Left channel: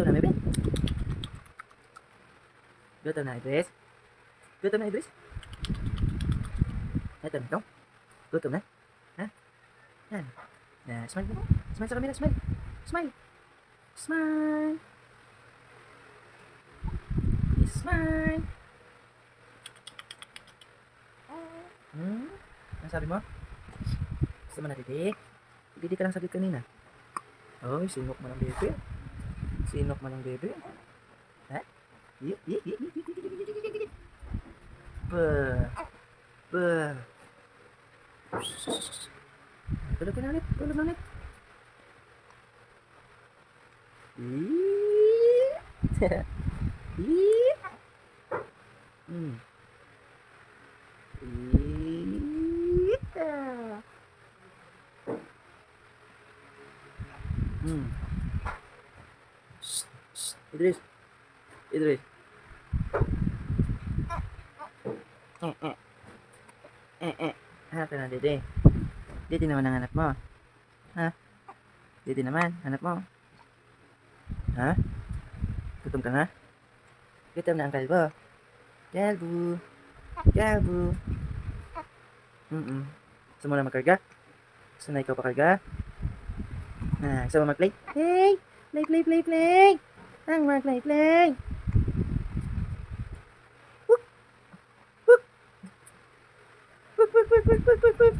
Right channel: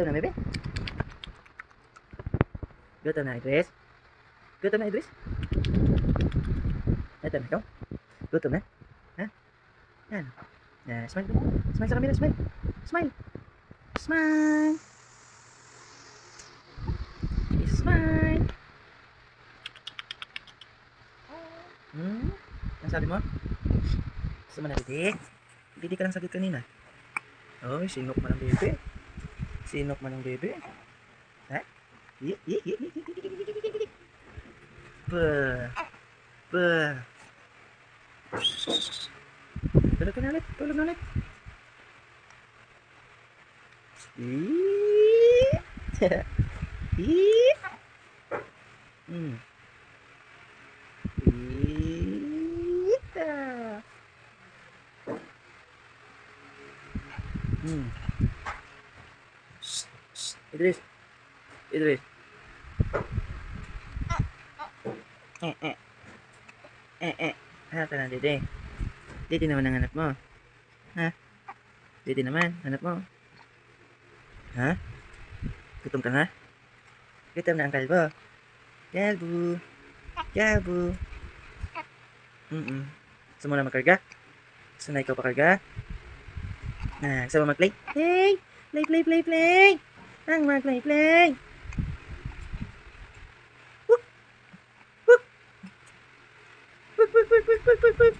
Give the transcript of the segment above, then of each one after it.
Gutom na, bebe? Gutom na, Idris? Gutom na, Idris? Ito na, ikaw? Gutom na? Ha? Yan. Smile ka. Smile sa camera, smile. Smile. Smile. Smile. Ano sabi mo? Gusto mo na, bebe? Hindi ka lang sagot kanina. Oh, sinok mo ng bebe. Sinok mo ng bebe. Ha? Bah. Bah. Tulog ka na ulit. Tulog na ulit. Idris. Idris. Hanap na, Dede. Dede naman ang hanap mo. Ha? Dede naman, hanap mo. Ha? Gutom ka na? Gutom na ang kalbo. Kalbo. Kalbo. Gusto mo na magkarga? Gusto na ikaw pakarga? Gusto mo mag-play? Play! Play, play, play, play! Ang mag-play, play! Wuk! Wuk! Wuk, wuk, wuk, wuk, wuk, wuk, wuk!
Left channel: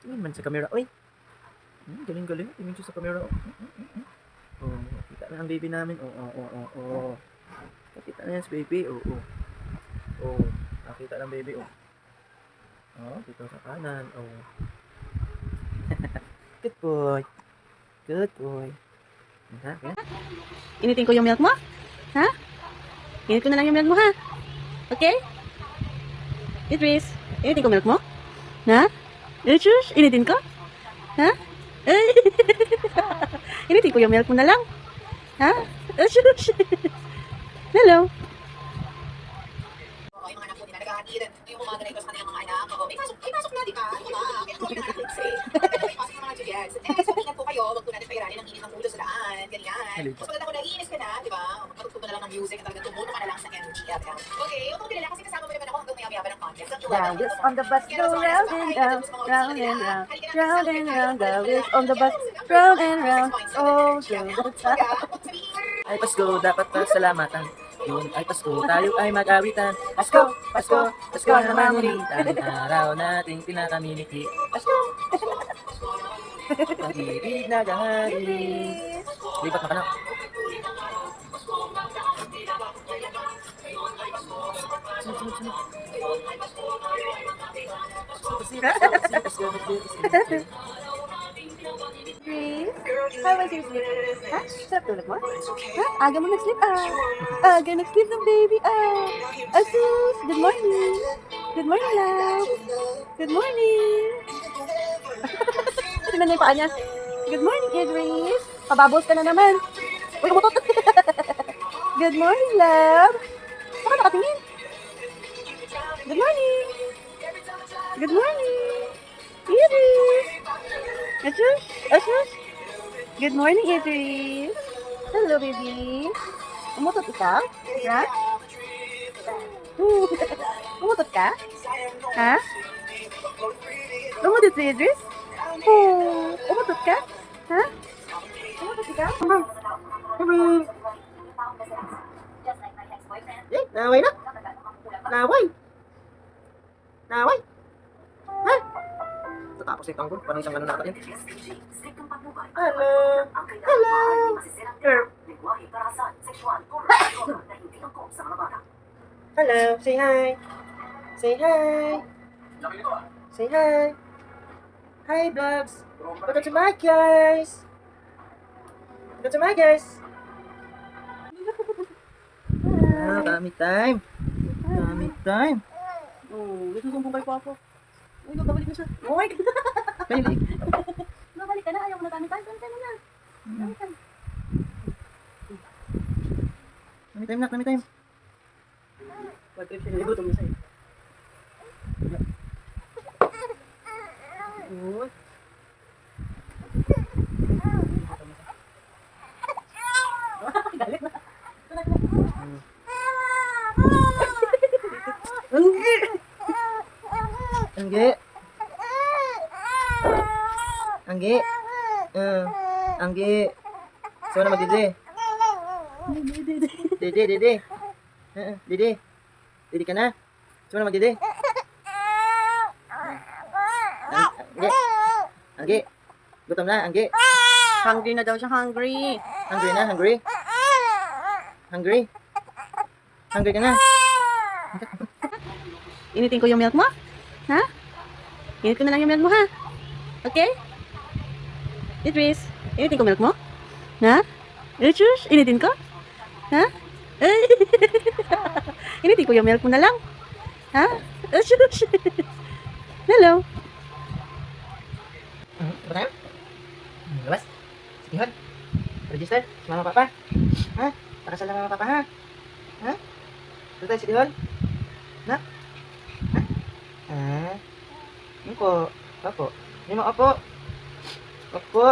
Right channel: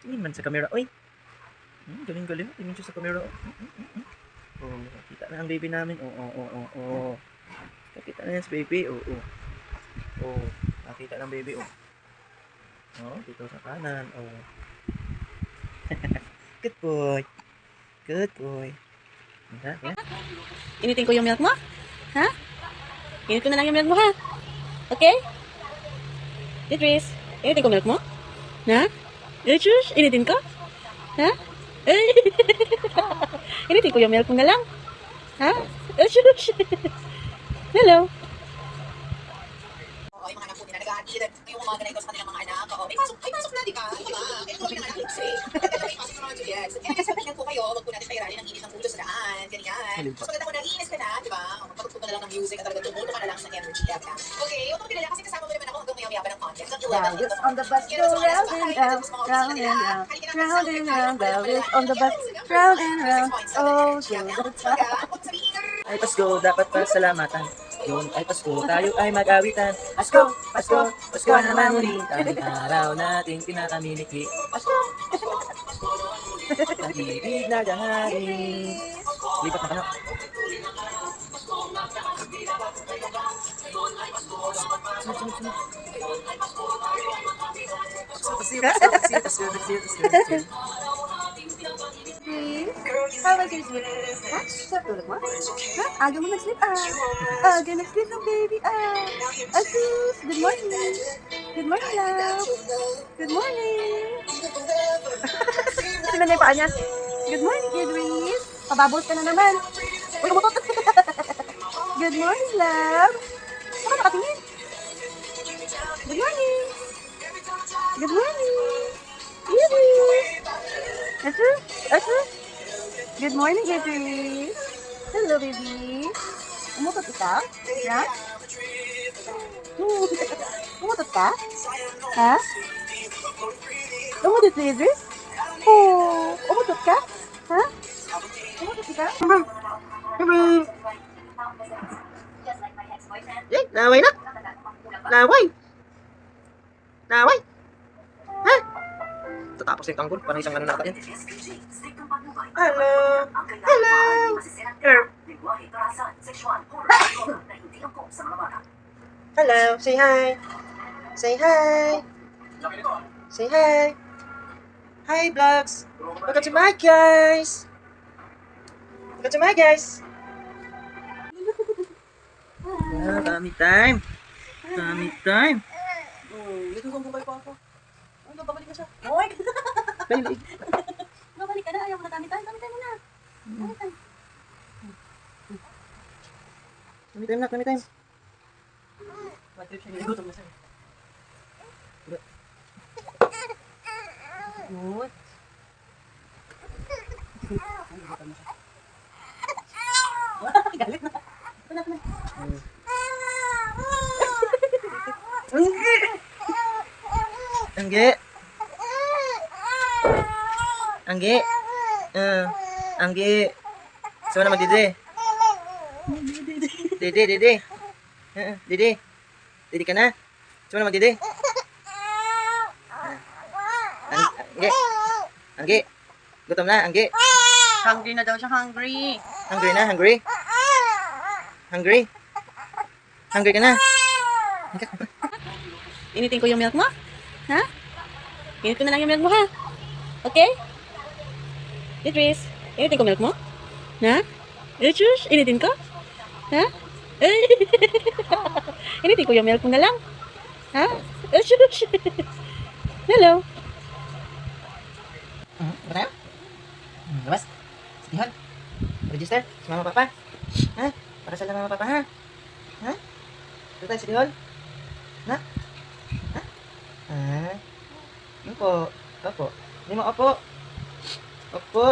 Tingin man sa camera, oy! Galing-galing. Tingin siya sa camera, oh. Kita na ang baby namin. Oh. Nakita na yan si baby. Oh. Nakita ng baby. Oh, dito sa kanan. Oh. Good boy. Good boy. Yan. Initin ko yung milk mo? Ha? Initin mo lang yung milk mo, ha? Okay? Idris, initin ko milk mo? Ha? Idris, initin ko? Ha? Initin ko yung milk mo na lang? Ha? Idris. Hello. Yung mga anak ko nag-aaral, yung mga ganito sa kanilang mga anak, may pasok na, di ba? Di ba? Kaya ko yung anak ko kasi. May pasok ng mga Juliets. Sabi niya po kayo, wag po natin pairanin ng init ng ulo sa daan, ganyan. So maganda ko naiinis ka na, di ba? Magtugtog na lang ng music at talaga tumuno ka na lang sa energy. Okay, huwag mong kilala kasi kasama mo naman ako hanggang maya-maya ng content. The wheels on the bus go round and round, round and round, round and round. The wheels on the bus round and round, all through the town. Ay Pasko, dapat pasalamatan. Yun ay Pasko, tayo ay mag-awitan. Pasko, Pasko, Pasko na naman muli. Tanging araw nating pinakamiliki. Pasko! Pag-ibig na gahari. Lipat na ka na. Sunod. Pasko. How was your sleep? Ha? Sarap tulog mo? Ha? Aga mo nag-sleep? Aga nag-sleep ng baby. Asus! Good morning! Good morning, love! Good morning! Ito na yung paa niya. Good morning, Idris! Pababos ka na naman. Uy, umutot! Good morning, love! Saka nakatingin? Good morning! Good morning! Idris! Asus! Good morning, Idris! Hello, baby! Umutot ikaw? Ha? Umutot ka? Ha? Umutot si Idris? Oh, umutot ka? Ha? Umutot ikaw? Laway na! Laway! Ha? Tatapos yung tanggol. Parang isang ano nata yan. Hello! Hello! Say hi! Say hi! Say hi! Hi, vlogs! Welcome to my guys! Welcome to my guys! Dami time! Dito kong bumbay po ako. Uy, babalik na siya. Uy! Balik! Babalik ka na. Ayaw mo na dami tayo. Dami tayo muna. Dami tayo. Dami time! Bad trip siya. Gutom na siya. Good. Galit na. Anggi. Anggi. Anggi. Saan naman dede? Dede, dede. Dede. Dede ka na? Saan naman dede? Anggi. Anggi. Gutom na, Anggi. Hungry na daw siya, hungry. Hungry na, hungry? Hungry? Hungry ka na? Initin ko yung milk mo? Ha? Initin mo lang yung milk mo, ha? Okay? Beatrice, initin ko milk mo? Ha? Beatrice, initin ko? Ha? Initin ko yung milk mo na lang? Ha? Beatrice. Hello? Ba tayo? Labas? Sige, hon. Register? Si mama papa? Ha? Pakasal na mama papa, ha? Ha? Ito tayo, sige, hon. Na? Ha? Ah? Opo. Opo. Hindi mo, opo. Opo.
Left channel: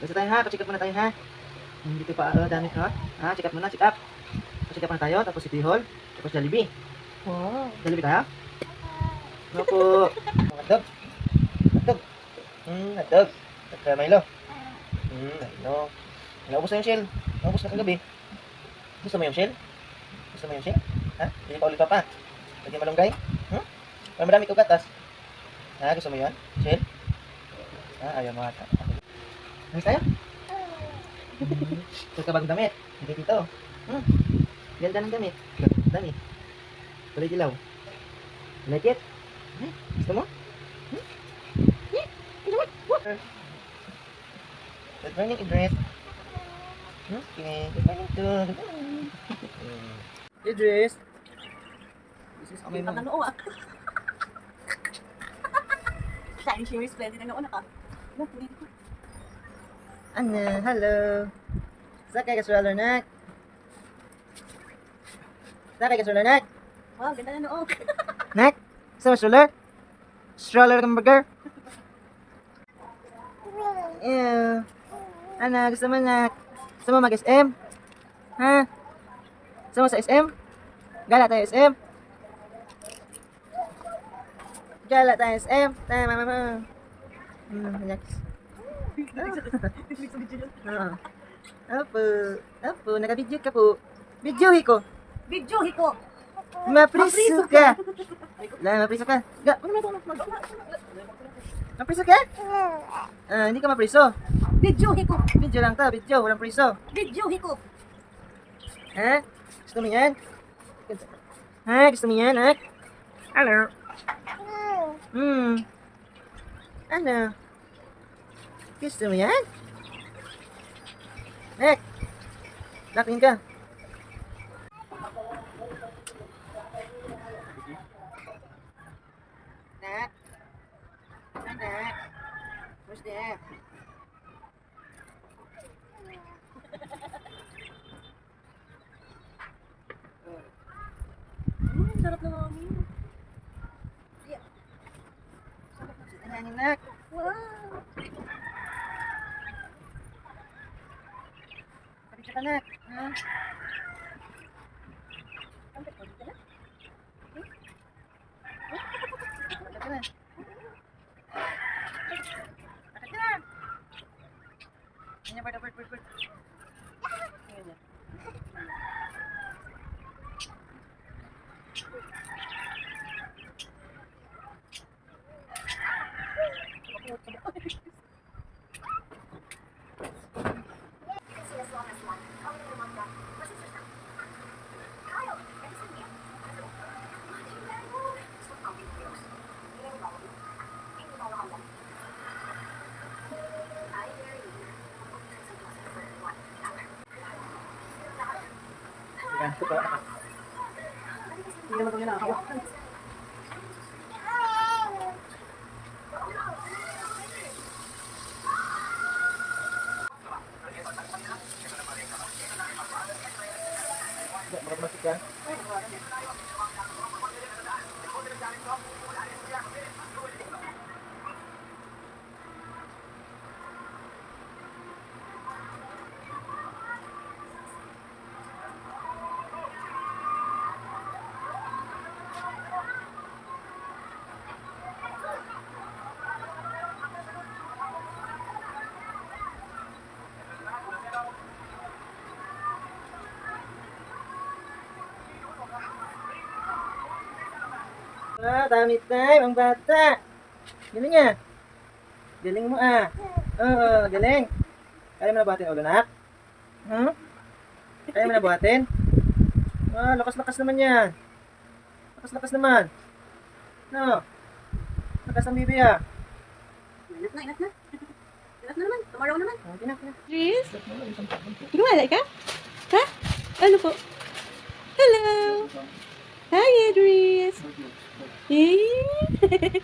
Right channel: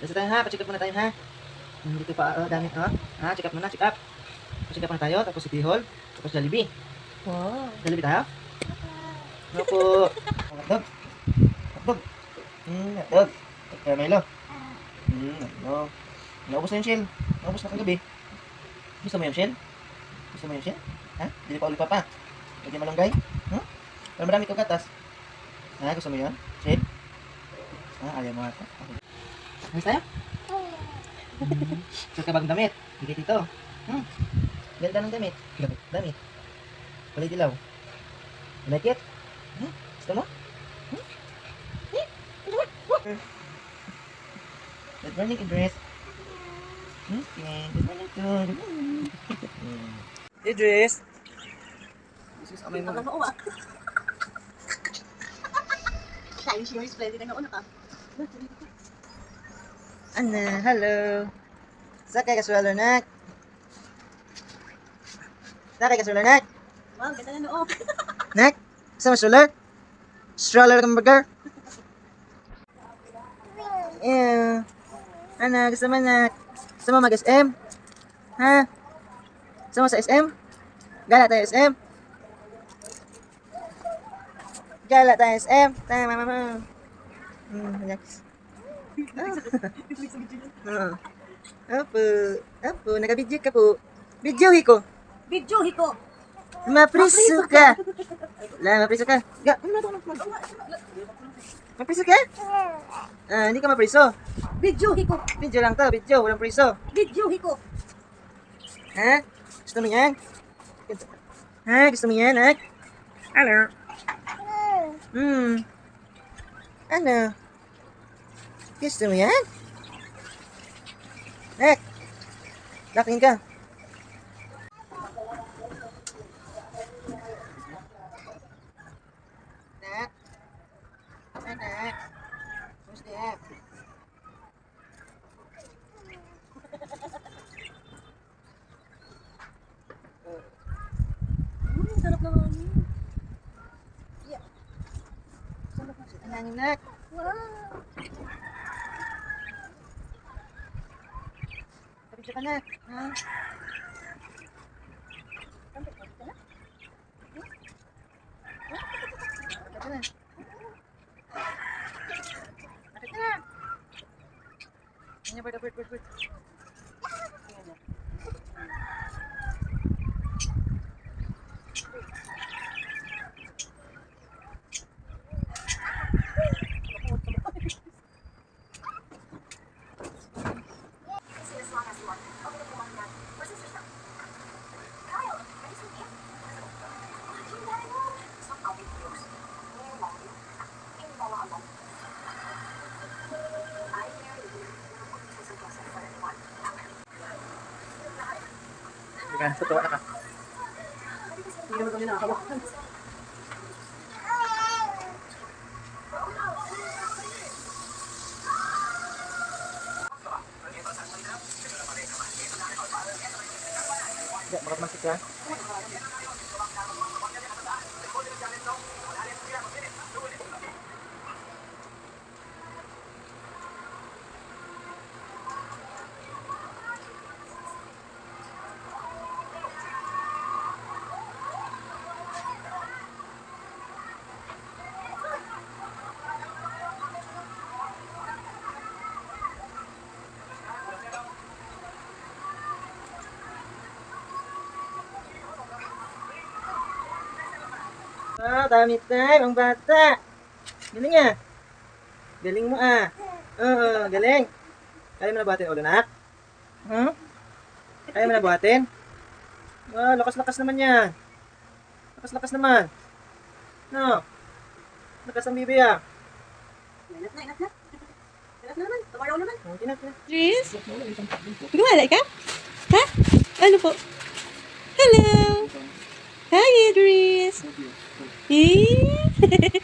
Dito tayo, ha? Pa-check up muna tayo, ha? Dito pa, dami, ha? Ha? Check up muna, check up. Pa-check up muna tayo, tapos City Hall, tapos Jollibee. Wow. Jollibee tayo? Opo. Hotdog. Hotdog. Hotdog. At Milo. Milo. Naubos na yung shell. Naubos na kagabi. Gusto mo yung shell? Gusto mo yung shell? Ha? Hindi pa ulit pa pa. Pwede malunggay? Para marami kong gatas. Ha? Gusto mo yun? Shell? Ha? Ayaw mo ata. Ayos tayo? Suot ka bagong damit. Hindi dito. Ganda ng damit. Dami. Kulay dilaw. Like it? Gusto mo? Good morning, Idris. Okay, good morning too. Idris. This is kamay mo. Ang noo, ah. Shiny, shimmery, splendid. Ang nauna ka. Ano, hello. Sakay ka stroller, nak. Sakay ka stroller, nak. Wow, ganda na noo. Nak, gusto mo stroller? Stroller kang burger? Ew. Ano, gusto mo, nak? Gusto mo mag-SM? Ha? Gusto mo sa SM? Gala tayo SM? Gala tayo SM? Tama, mama. Relax. Oo. Opo. Opo, naka-video ka po. Videohi ko. Video, hiko. Mapriso ka. Mapriso ka. Mapriso ka? Hindi ka mapriso. Video, hiko. Video lang to, video. Walang priso. Video, hiko. Ha? Gusto mo yan? Ha? Gusto mo yan, ha? Hello? Ano? Gusto mo yan? Nek! Laking ka. Nak? Nak? Kumusta yan? Sarap na mami. Ano, nak? Wow. Kapit ka, nak. Ha? Kampit mo dito na? Kapit ka na. Kapit ka na. Ano, bird. Totoo na. Hindi naman kami nakakawak. Bakit masik yan? Tummy time, ang bata. Galing ah. Galing mo ah. Oo, galing. Kaya mo na buhatin ulo, nak? Hmm? Kaya mo na buhatin? Lakas-lakas naman yan. Lakas-lakas naman. No. Lakas ang bibi ah. Enough na, enough na. Enough na naman. Tomorrow naman. Okay na, okay na. Idris? Gumala ka? Ha? Ano po? Hello! Hi, Idris! Eh?